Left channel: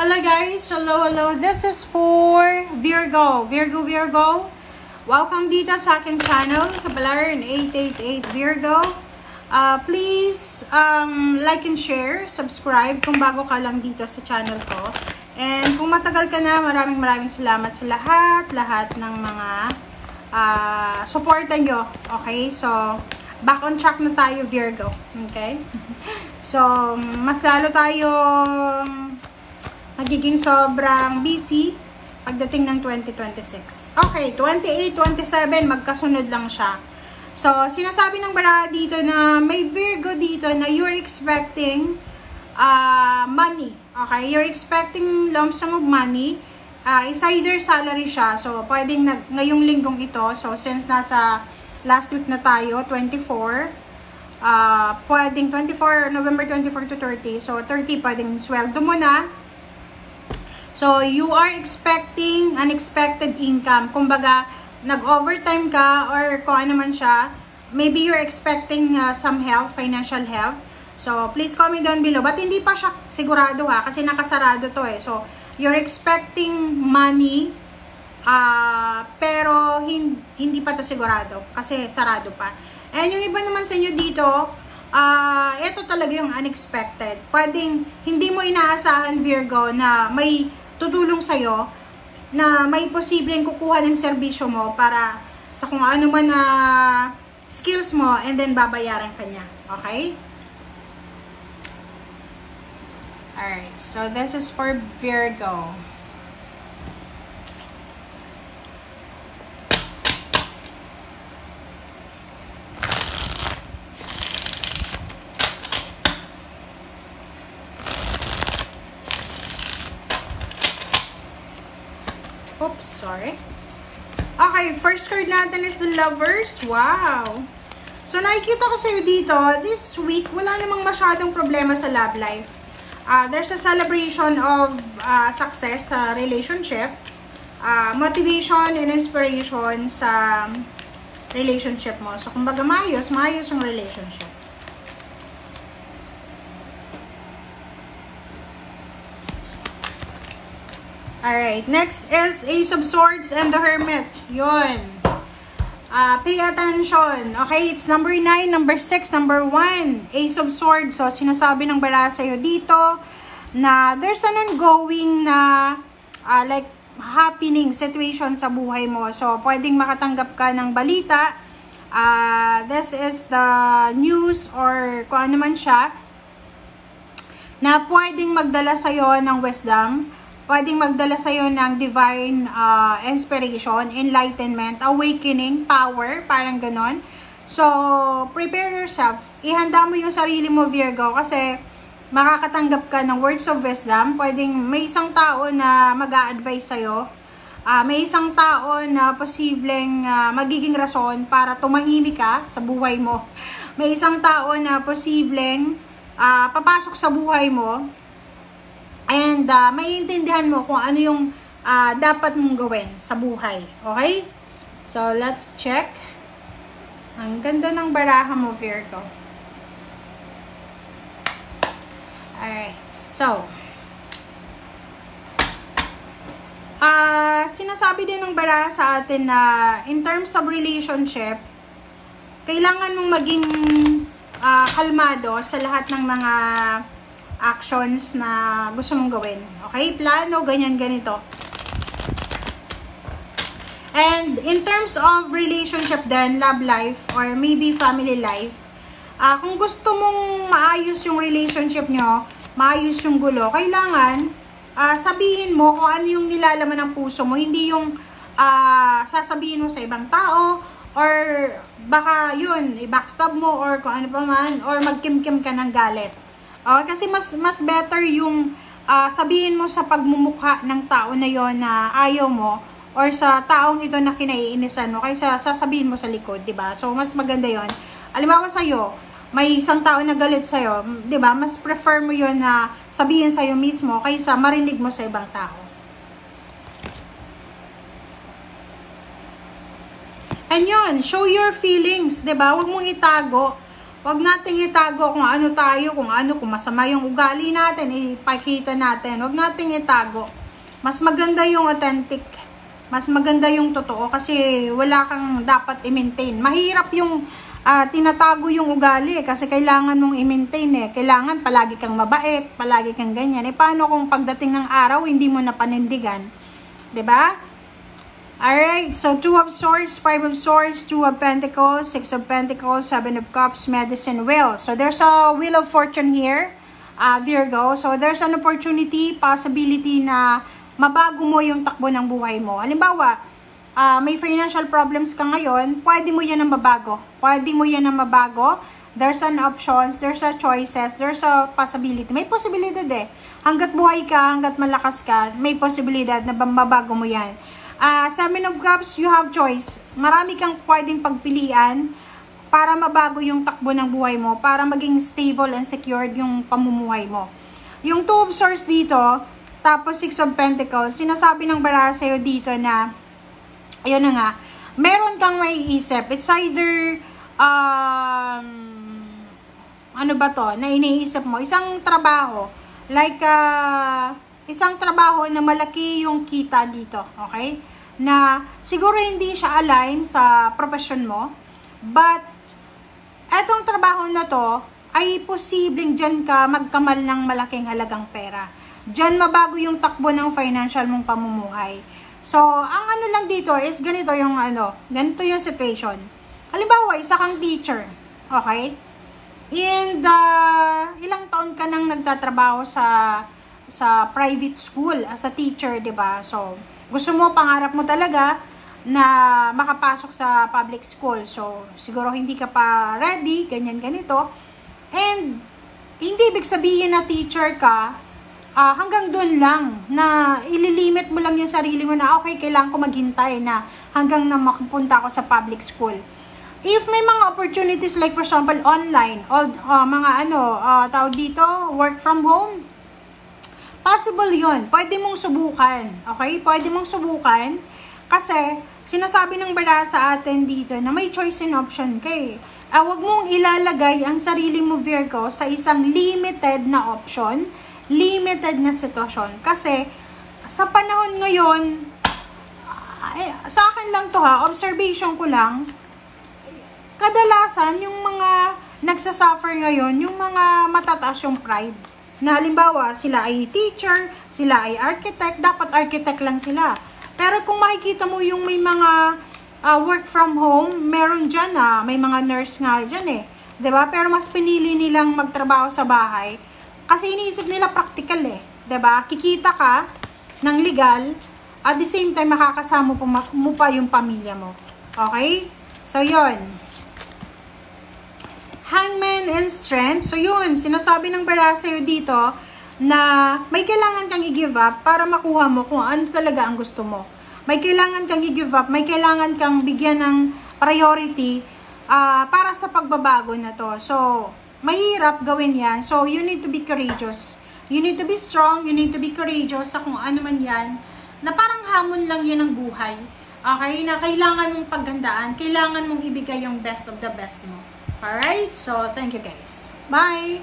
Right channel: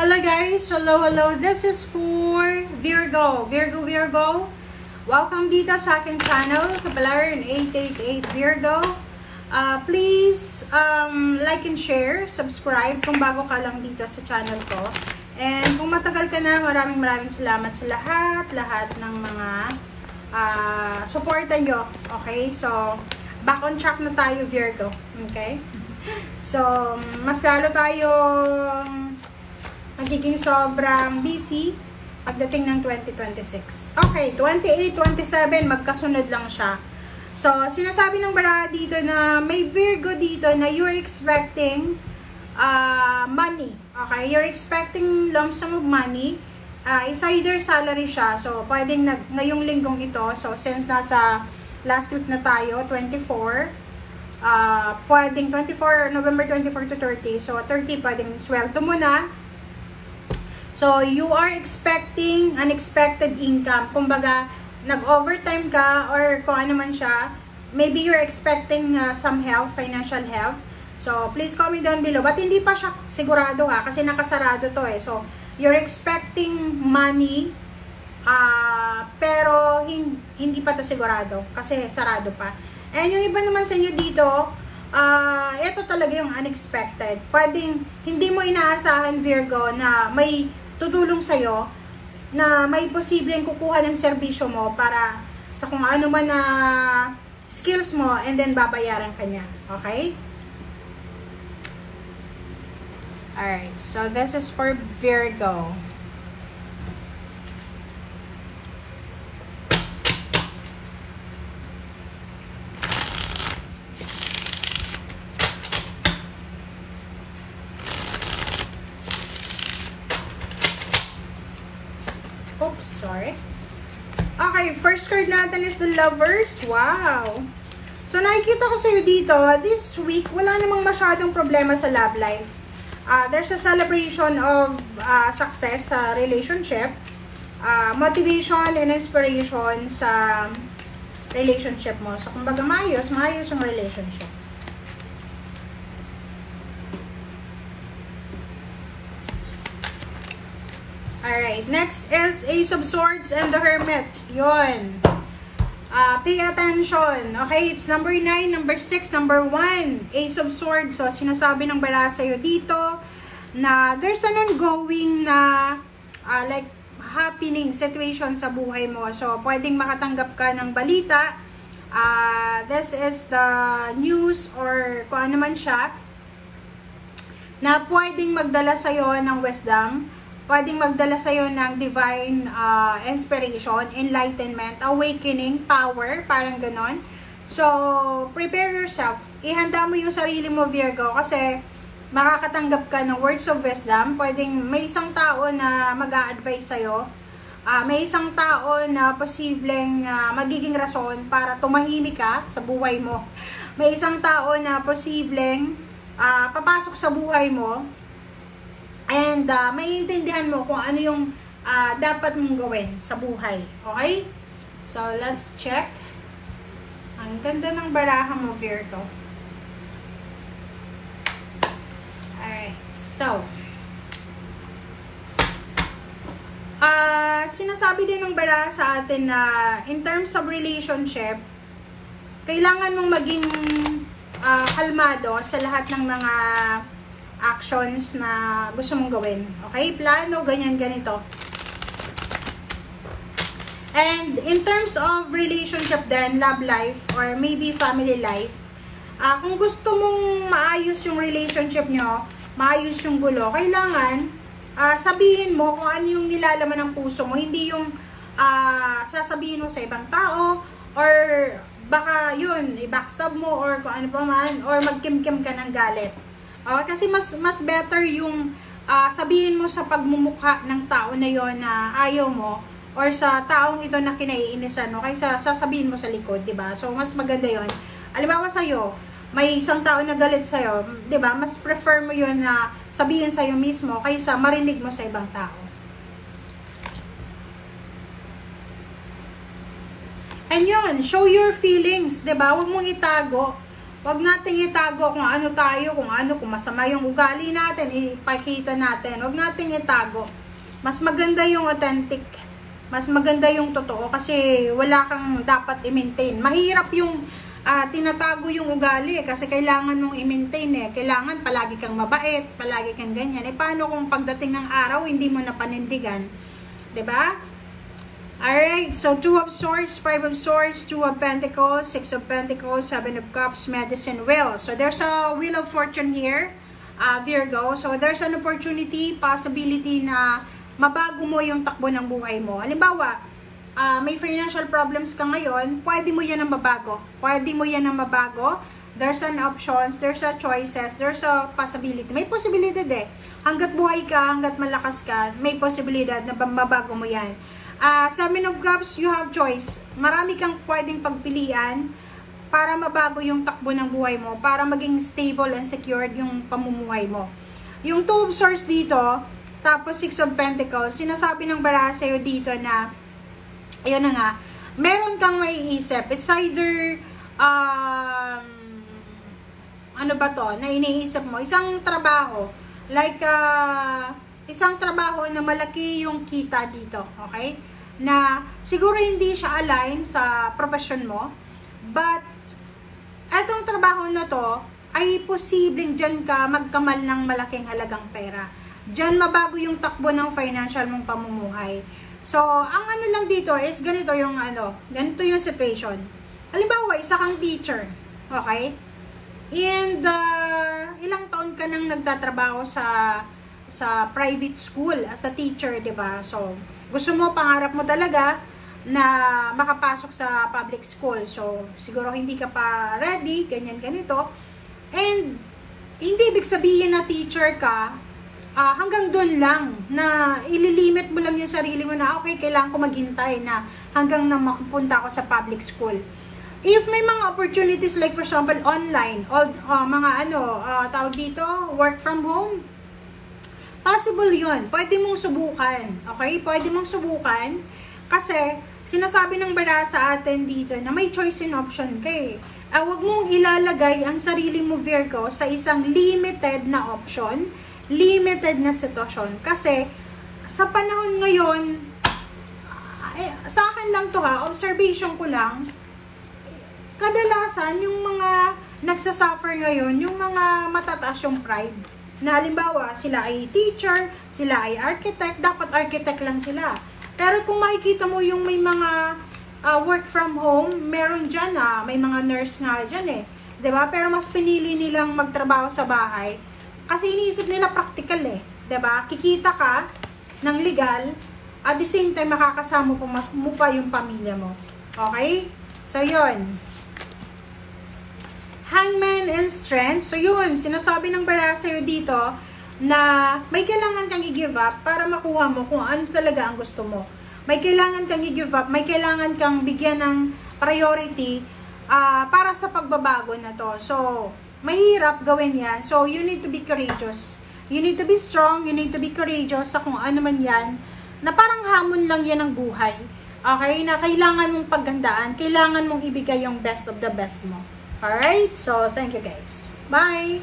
Hello guys, hello. This is for Virgo. Welcome dito sa aking channel, Kapalaran 888 Virgo. Please like and share, subscribe kung bago ka lang dito sa channel ko. And kung matagal ka na, maraming salamat sa lahat ng mga suporta nyo. Okay, so back on track na tayo, Virgo. Okay, so mas lalo tayo magiging sobrang busy pagdating ng 2026. Okay, 28, 27, magkasunod lang siya. So, sinasabi ng bara dito na may Virgo dito na you're expecting money. Okay, you're expecting lump sum of money. Is either salary siya. So, pwedeng ngayong linggong ito. So, since nasa last week na tayo, 24, pwedeng 24, November 24 to 30. So, 30 pwedeng sweldo mo na. So, you are expecting unexpected income. Kumbaga, nag-overtime ka or kung ano man siya. Maybe you're expecting some help, financial help. So, please comment down below. But hindi pa siya sigurado ha, kasi nakasarado to eh. So, you're expecting money, pero hindi pa to sigurado kasi sarado pa. And yung iba naman sa inyo dito, ito talaga yung unexpected. Pwedeng hindi mo inaasahan, Virgo, na may tutulong sa'yo, na may posibleng kukuha ng serbisyo mo para sa kung ano man na skills mo, and then babayaran ka niya. Okay? Alright, so this is for Virgo. Oops, sorry. Okay, first card natin is the Lovers. Wow! So, nakikita ko sa'yo dito, this week, wala namang masyadong problema sa love life. There's a celebration of success sa relationship, motivation and inspiration sa relationship mo. So, kumbaga, maayos yung relationship. Alright, next is Ace of Swords and the Hermit. Yun. Pay attention. Okay, it's number 9, number 6, number 1. Ace of Swords. So, sinasabi ng bara sa'yo dito na there's an ongoing na like happening situation sa buhay mo. So, pwedeng makatanggap ka ng balita. This is the news or kung ano man siya na pwedeng magdala sa'yo ng wisdom. Pwedeng magdala sa'yo ng divine inspiration, enlightenment, awakening, power, parang ganon. So, prepare yourself. Ihanda mo yung sarili mo, Virgo, kasi makakatanggap ka ng words of wisdom. Pwedeng may isang tao na mag-a-advise sa'yo. May isang tao na posibleng magiging rason para tumahimik ka sa buhay mo. May isang tao na posibleng papasok sa buhay mo. And maiintindihan mo kung ano yung dapat mong gawin sa buhay. Okay? So, let's check. Ang ganda ng baraha mo, Virgo. Alright. So, sinasabi din ng baraha sa atin na in terms of relationship, kailangan mong maging kalmado sa lahat ng mga actions na gusto mong gawin. Okay? Plano, ganyan, ganito. And in terms of relationship then, love life, or maybe family life, kung gusto mong maayos yung relationship nyo, maayos yung gulo, kailangan sabihin mo kung ano yung nilalaman ng puso mo, hindi yung sasabihin mo sa ibang tao, or baka yun, i-backstab mo, or kung ano pa man, or magkim-kim ka ng galit. Kasi mas better yung sabihin mo sa pagmumukha ng tao na yon na ayaw mo, or sa taong ito na kinaiinisan mo, kaysa sasabihin mo sa likod, diba? So, mas maganda yon. Alimbawa sa'yo, may isang tao na galit sa'yo, diba? Mas prefer mo yon na sabihin sa'yo mismo, kaysa marinig mo sa ibang tao. And yun, show your feelings, diba? Huwag mong itago. Huwag nating itago kung ano tayo, kung masama yung ugali natin, ipakita natin. Huwag nating itago. Mas maganda yung authentic. Mas maganda yung totoo kasi wala kang dapat i-maintain. Mahirap yung tinatago yung ugali kasi kailangan mong i-maintain Kailangan palagi kang mabait, palagi kang ganyan. Paano kung pagdating ng araw hindi mo na panindigan? 'Di ba? Alright, so 2 of Swords, 5 of Swords, 2 of Pentacles, 6 of Pentacles, 7 of Cups, Medicine, Wheel. So there's a Wheel of Fortune here, Virgo. So there's an opportunity, possibility na mabago mo yung takbo ng buhay mo. Halimbawa, may financial problems ka ngayon, pwede mo yan na mabago. Pwede mo yan na mabago. There's an options, there's a choices, there's a possibility. May posibilidad Hanggat buhay ka, hanggat malakas ka, may posibilidad na mabago mo yan. 7 of Cups, you have choice. Marami kang pwedeng pagpilian para mabago yung takbo ng buhay mo, para maging stable and secured yung pamumuhay mo. Yung 2 of Swords dito, tapos 6 of Pentacles, sinasabi ng baraha sa'yo dito na, ayun na nga, meron kang maiisip. It's either, ano ba to, na iniisip mo, isang trabaho, like, isang trabaho na malaki yung kita dito, okay? Na siguro hindi siya align sa profession mo, but etong trabaho na to ay posibleng dyan ka magkamal ng malaking halagang pera. Dyan mabago yung takbo ng financial mong pamumuhay. So, ang ano lang dito is ganito yung ganito yung situation. Halimbawa, isa kang teacher, okay? And ilang taon ka nang nagtatrabaho sa private school as a teacher, 'di ba? So, gusto mo, pangarap mo talaga na makapasok sa public school. So, siguro hindi ka pa ready, ganyan ganito. And hindi ibig sabihin na teacher ka, hanggang doon lang, na ililimit mo lang yung sarili mo na, okay, kailangan ko maghintay na hanggang na makapunta ako sa public school. If may mga opportunities like for example online, mga tawag dito, work from home, possible yun. Pwede mong subukan. Okay? Pwede mong subukan. Kasi, sinasabi ng baraha sa atin dito na may choice and option ka Huwag mong ilalagay ang sarili mo, Virgo, sa isang limited na option, limited na sitwasyon. Kasi, sa panahon ngayon, sa akin lang to observation ko lang, kadalasan yung mga nagsasuffer ngayon, yung mga matataas yung pride. Na halimbawa, sila ay teacher, sila ay architect, dapat architect lang sila. Pero kung makikita mo yung may mga work from home, meron dyan may mga nurse nga dyan diba? Pero mas pinili nilang magtrabaho sa bahay kasi iniisip nila practical diba? Kikita ka ng legal, at the same time makakasama mo pa yung pamilya mo. Okay? So, yun. Hangman and Strength. So, yun. Sinasabi ng baraha sa'yo dito na may kailangan kang i-give up para makuha mo kung ano talaga ang gusto mo. May kailangan kang i-give up. May kailangan kang bigyan ng priority para sa pagbabago na to. So, mahirap gawin yan. So, you need to be courageous. You need to be strong. You need to be courageous sa kung ano man yan. Na parang hamon lang yan ng buhay. Okay? Na kailangan mong paggandaan. Kailangan mong ibigay yung best of the best mo. Alright, so thank you guys. Bye!